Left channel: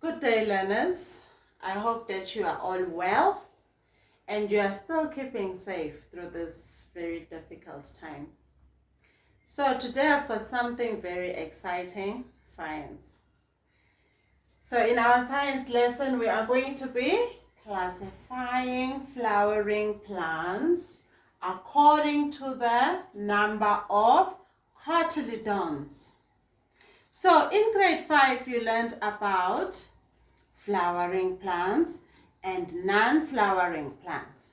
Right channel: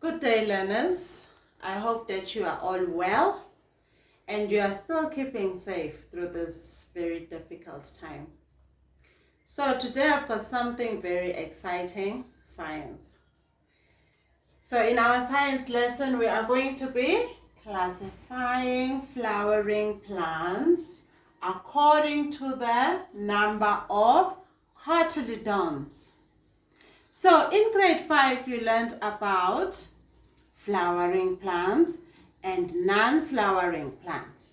Good day, learners. I hope that you are all well and you are still keeping safe through this very difficult time. So today I've got something very exciting, science. So in our science lesson, we are going to be classifying flowering plants according to the number of cotyledons. So in grade 5, you learned about flowering plants and non-flowering plants.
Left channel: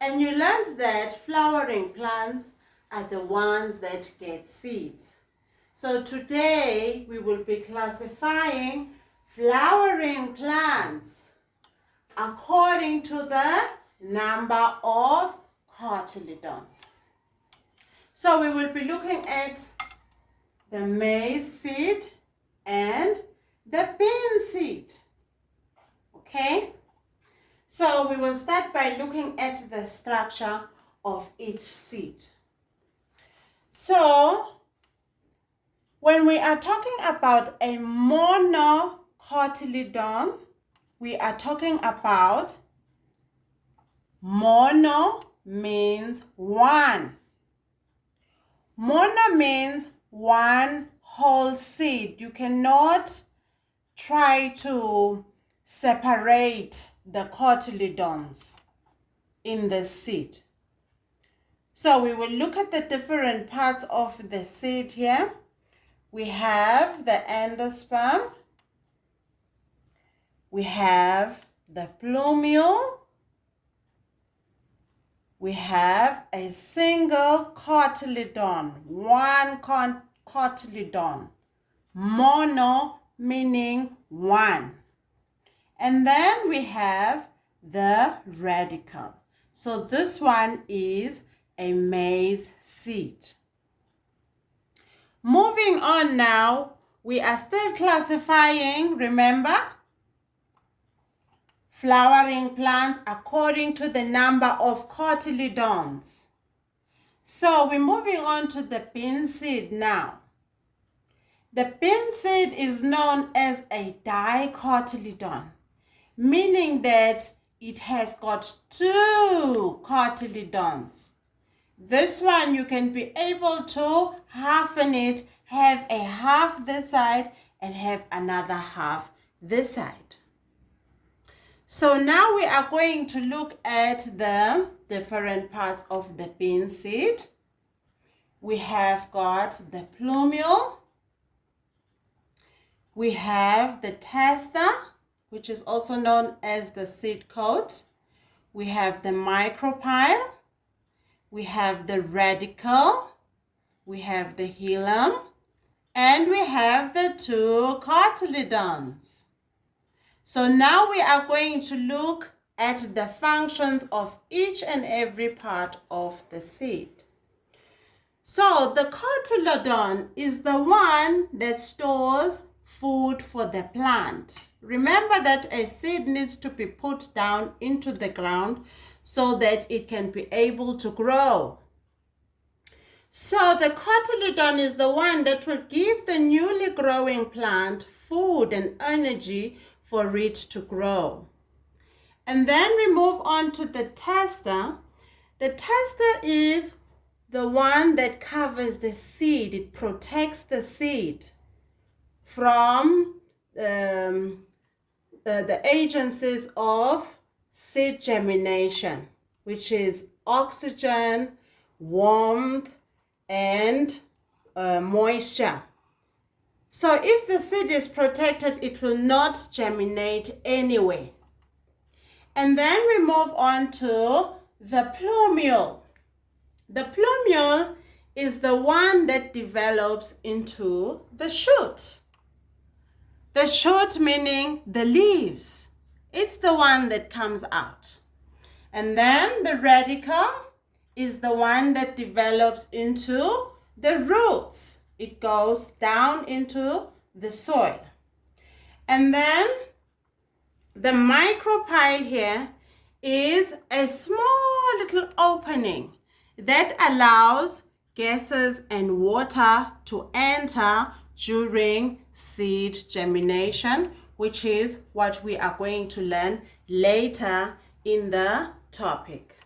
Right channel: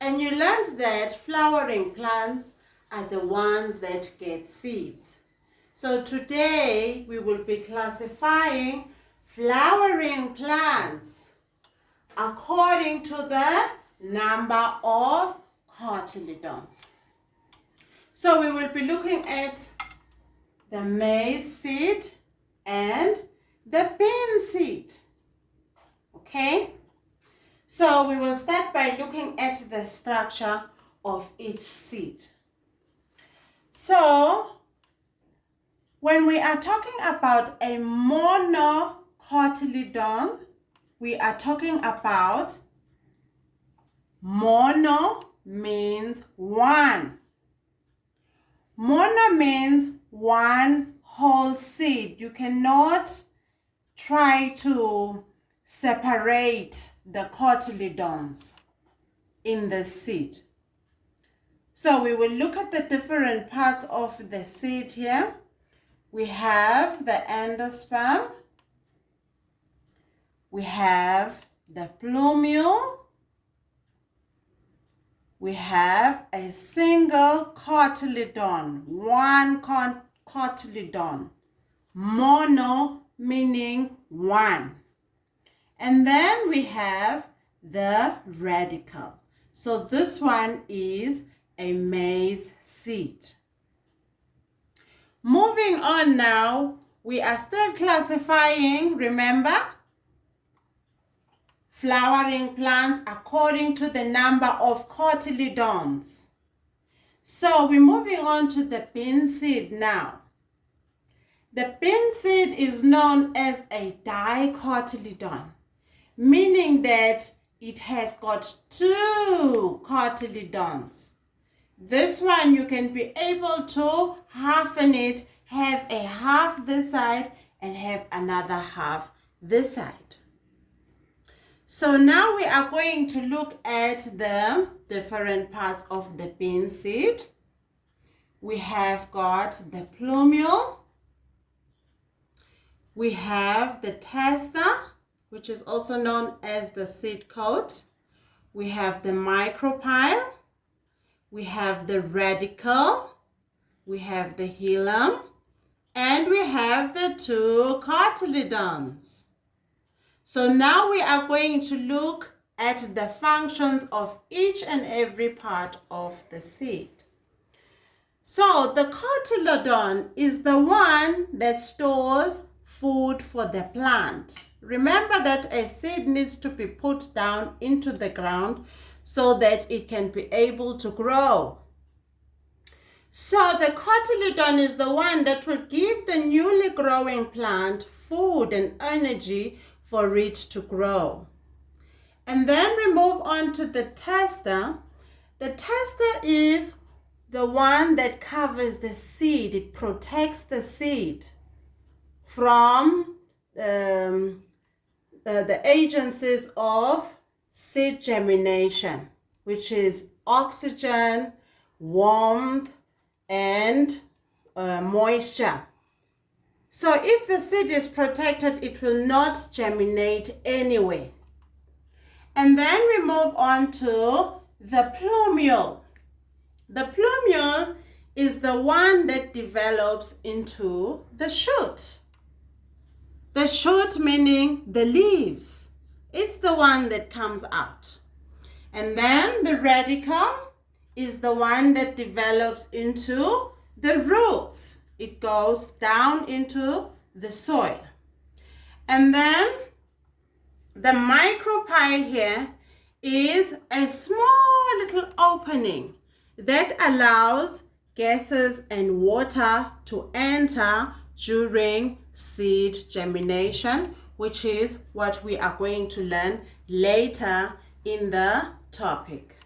And you learned that flowering plants are the ones that get seeds. So today we will be classifying flowering plants according to the number of cotyledons. So we will be looking at the maize seed and the bean seed. Okay? So we will start by looking at the structure of each seed. So when we are talking about a monocotyledon, we are talking about mono means one. Mono means one whole seed. You cannot try to separate the cotyledons in the seed. So we will look at the different parts of the seed here. We have the endosperm. We have the plumeal. We have a single cotyledon, one cotyledon, mono meaning one. And then we have the radicle. So this one is a maize seed. Moving on now, we are still classifying, remember, flowering plants according to the number of cotyledons. So we're moving on to the bean seed now. The bean seed is known as a dicotyledon, meaning that it has got two cotyledons. This one you can be able to halfen it, have a half this side and have another half this side. So now we are going to look at the different parts of the bean seed. We have got the plumeal. We have the tester, which is also known as the seed coat. We have the micropyle. We have the radicle. We have the hilum. And we have the two cotyledons. So now we are going to look at the functions of each and every part of the seed. So the cotyledon is the one that stores food for the plant. Remember that a seed needs to be put down into the ground so that it can be able to grow. So the cotyledon is the one that will give the newly growing plant food and energy for it to grow. And then we move on to the tester. The tester is the one that covers the seed. It protects the seed from the agencies of seed germination, which is oxygen, warmth, and moisture. So if the seed is protected, it will not germinate anyway. And then we move on to the plumeal. The plumeal is the one that develops into the shoot. The shoot meaning the leaves. It's the one that comes out. And then the radicle is the one that develops into the roots. It goes down into the soil. And then the micropyle here is a small little opening that allows gases and water to enter during seed germination which is what we are going to learn later in the topic.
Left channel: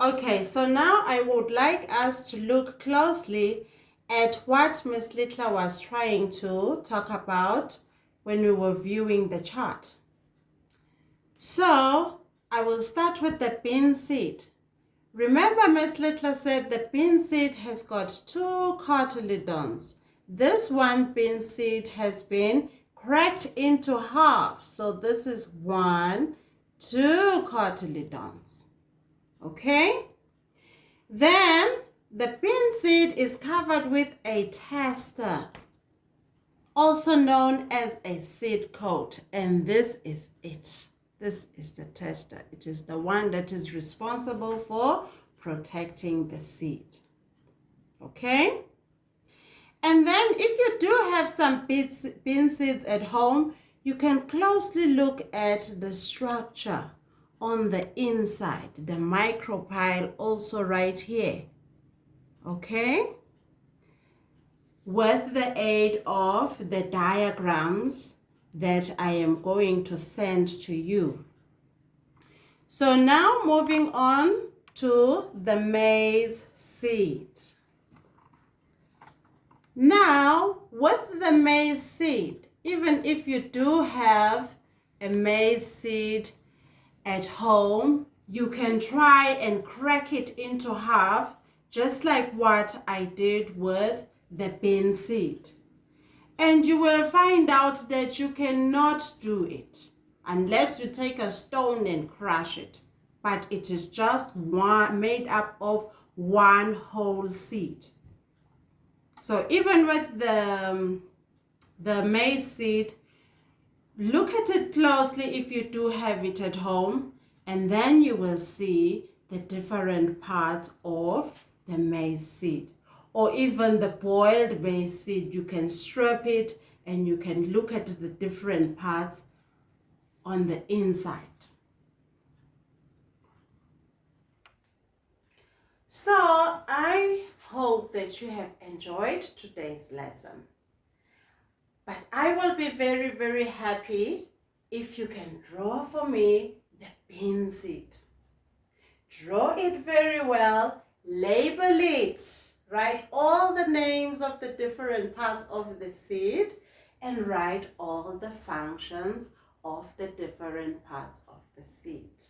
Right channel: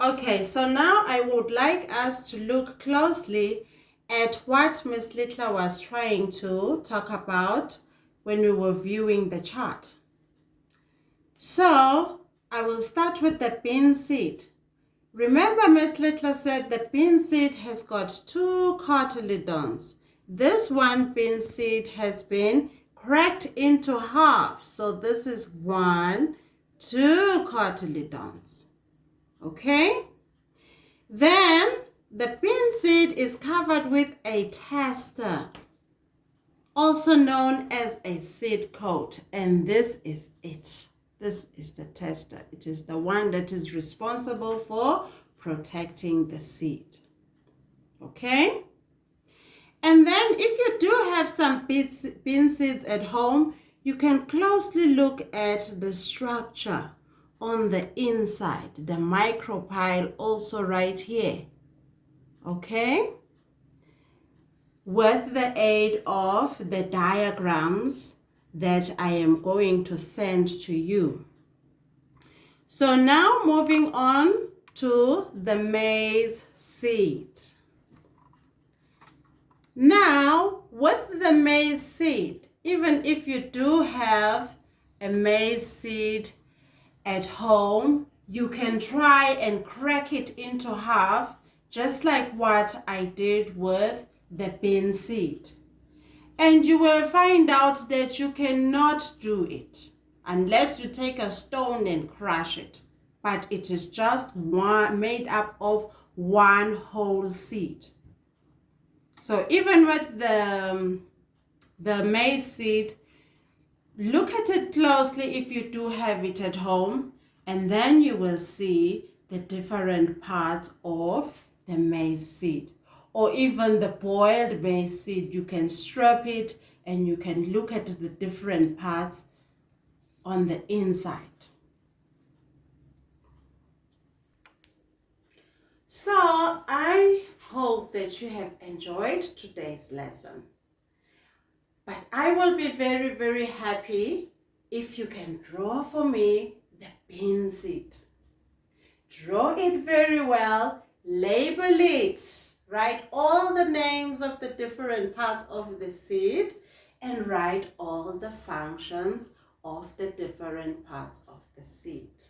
Okay, so now I would like us to look closely at what Miss Littler was trying to talk about when we were viewing the chart. So I will start with the bean seed. Remember, Miss Littler said the bean seed has got 2 cotyledons. This one bean seed has been cracked into half. So this is 1, 2 cotyledons. Okay? Then the bean seed is covered with a tester, also known as a seed coat, and this is it. This is the tester. It is the one that is responsible for protecting the seed. Okay? And then if you do have some bean seeds at home, you can closely look at the structure on the inside, the micropyle also right here. Okay? With the aid of the diagrams that I am going to send to you. So now moving on to the maize seed. Now with the maize seed, even if you do have a maize seed at home, you can try and crack it into half, just like what I did with the bean seed. And you will find out that you cannot do it unless you take a stone and crush it. But it is just made up of one whole seed. So even with the maize seed, look at it closely if you do have it at home, and then you will see the different parts of the maize seed. Or even the boiled maize seed, you can strip it and you can look at the different parts on the inside. So I hope that you have enjoyed today's lesson. But I will be very, very happy if you can draw for me the bean seed. Draw it very well, label it, write all the names of the different parts of the seed, and write all the functions of the different parts of the seed.